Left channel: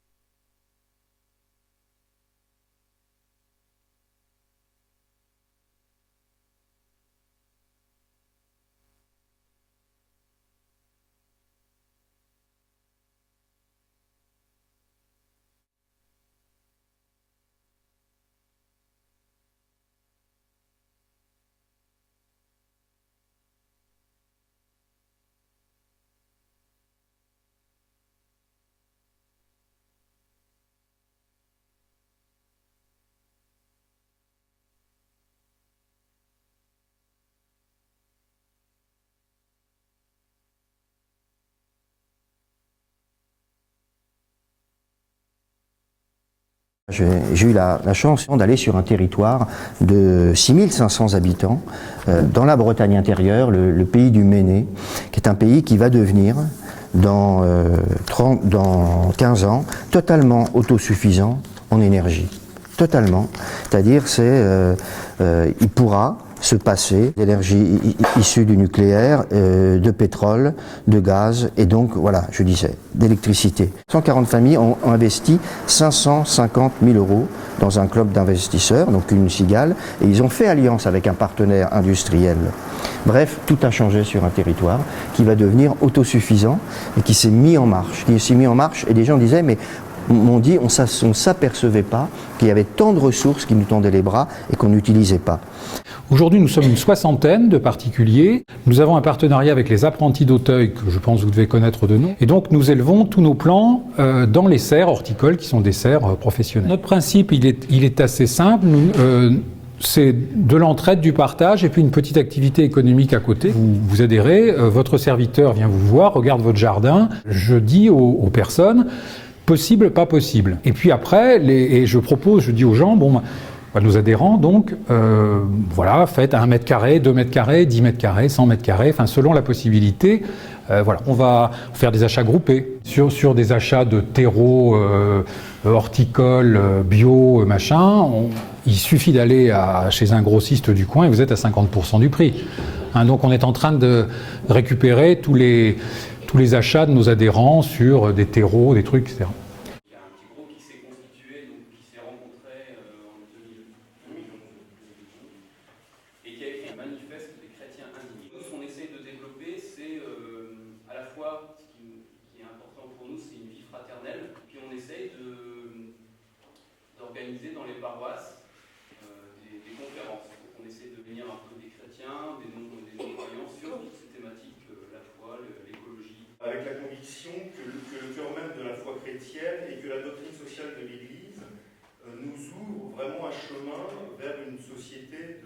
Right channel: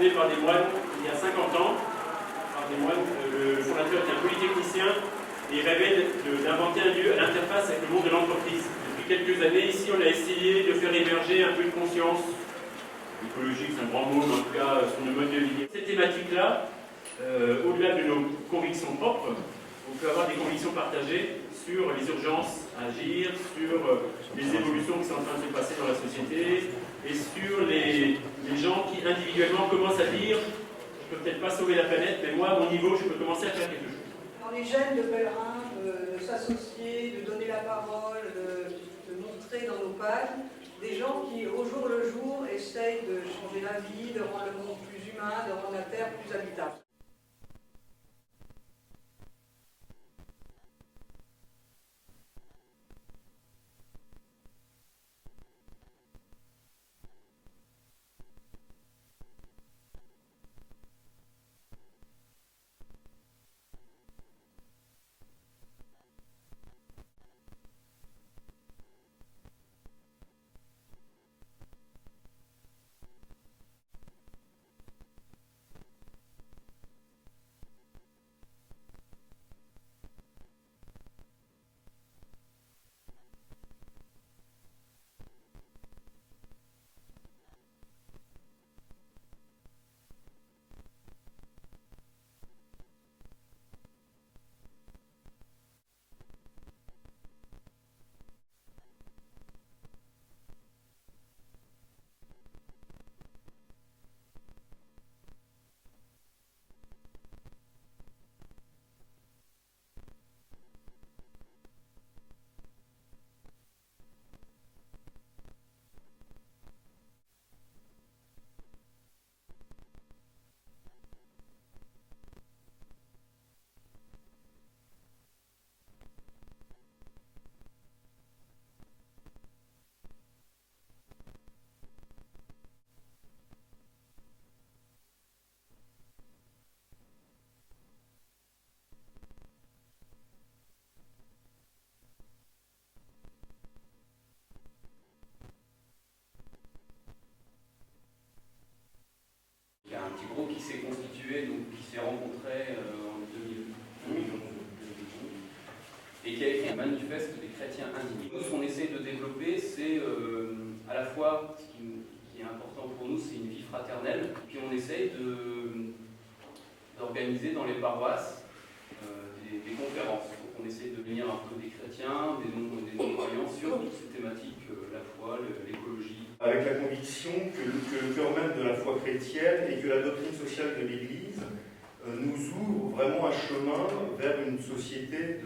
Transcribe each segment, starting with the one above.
fondée par des moines il y a 50 ans. Par des moines, le fondateur est un polytechnicien et il rêvait d'inventer un lieu à l'interface avec le monde de l'entreprise. Depuis quelques années, ici, on a essayé de faire émerger un peu de conscience écologique, c'est un grand mot, mais en tout cas sur le mode de vie. Cette thématique-là, au-delà de nos convictions propres, on peut avoir des convictions partagées sur les urgences à agir, sur les évolutions qui sont en train de se passer dans la société et sur les gens qui individuellement commencent à dire je ne peux peut-être pas sauver la planète, mais moi, à mon niveau, je peux commencer à faire quelque chose. On est jeunes de pèlerins, de s'associer, de donner la parole, de montrer dans nos pages des gens qui, au jour le jour, essayent de changer la vie, de rendre le monde plus humain, de rendre la Terre plus habitable. J'ai eu la chance d'aller sur un territoire de 6500 habitants, dans la Bretagne intérieure, le pays du Méné, qui est un pays qui va devenir, dans 15 ans, totalement autosuffisant en énergie. Totalement. C'est-à-dire, il pourra se passer d'énergie issue du nucléaire, de pétrole, de gaz et donc, voilà, je disais, d'électricité. 140 familles ont investi 550 000 € dans un club d'investisseurs, donc une cigale, et ils ont fait alliance avec un partenaire industriel. Bref, tout a changé sur un territoire qui va devenir autosuffisant et qui s'est mis en marche. Et des gens disaient, mais m'ont dit, on ne s'apercevait pas qu'il y avait tant de ressources qui nous tendaient les bras et qu'on n'utilisait pas. Aujourd'hui, nous sommes une soixantaine de particuliers. Nous avons un partenariat avec les apprentis d'Auteuil, que je pense que vous devez connaître de nom. Et donc, nous élevons tous nos plants dans les serres horticoles, qui sont des serres professionnelles. Notre principe, il est assez simple. C'est de l'entraide, du partage et puis une petite activité économique à côté. Vous adhérez, votre serviteur vient vous voir, regarde votre jardin. Je dis aux personnes, possible, pas possible. Et puis après, je dis aux gens, bon, nos adhérents, donc, voilà, faites 1 mètre carré, 2 mètres carrés, 10 mètres carrés, 100 mètres carrés, enfin, selon la possibilité. Voilà, on va faire des achats groupés sur des achats de terreaux horticoles, bio, machin. Il suffit d'aller chez un grossiste du coin et vous êtes à 50% du prix. Hein, donc on est en train de récupérer tous les achats de nos adhérents sur des terreaux, des trucs, etc. Il y a un petit groupe qui s'est constitué, donc qui s'est rencontré en 2011 et qui a écrit un manifeste des chrétiens indignés. Nous, ce qu'on essaie de développer, c'est à la fois, ce qui est important pour nous, c'est une vie fraternelle, puis on essaye d'organiser dans les paroisses des conférences. Donc on essaie de venir un peu des chrétiens, des non-croyants sur toutes ces thématiques, la foi, l'écologie. Avec la conviction que le cœur même de la foi chrétienne et que la doctrine sociale de l'Église nous ouvre vraiment un chemin vers une société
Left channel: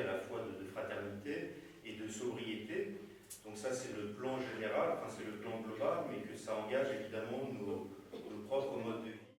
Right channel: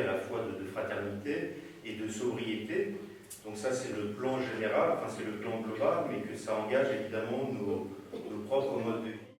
à la fois de fraternité et de sobriété. Donc ça c'est le plan général, enfin c'est le plan global, mais que ça engage évidemment nos propres modes de vie.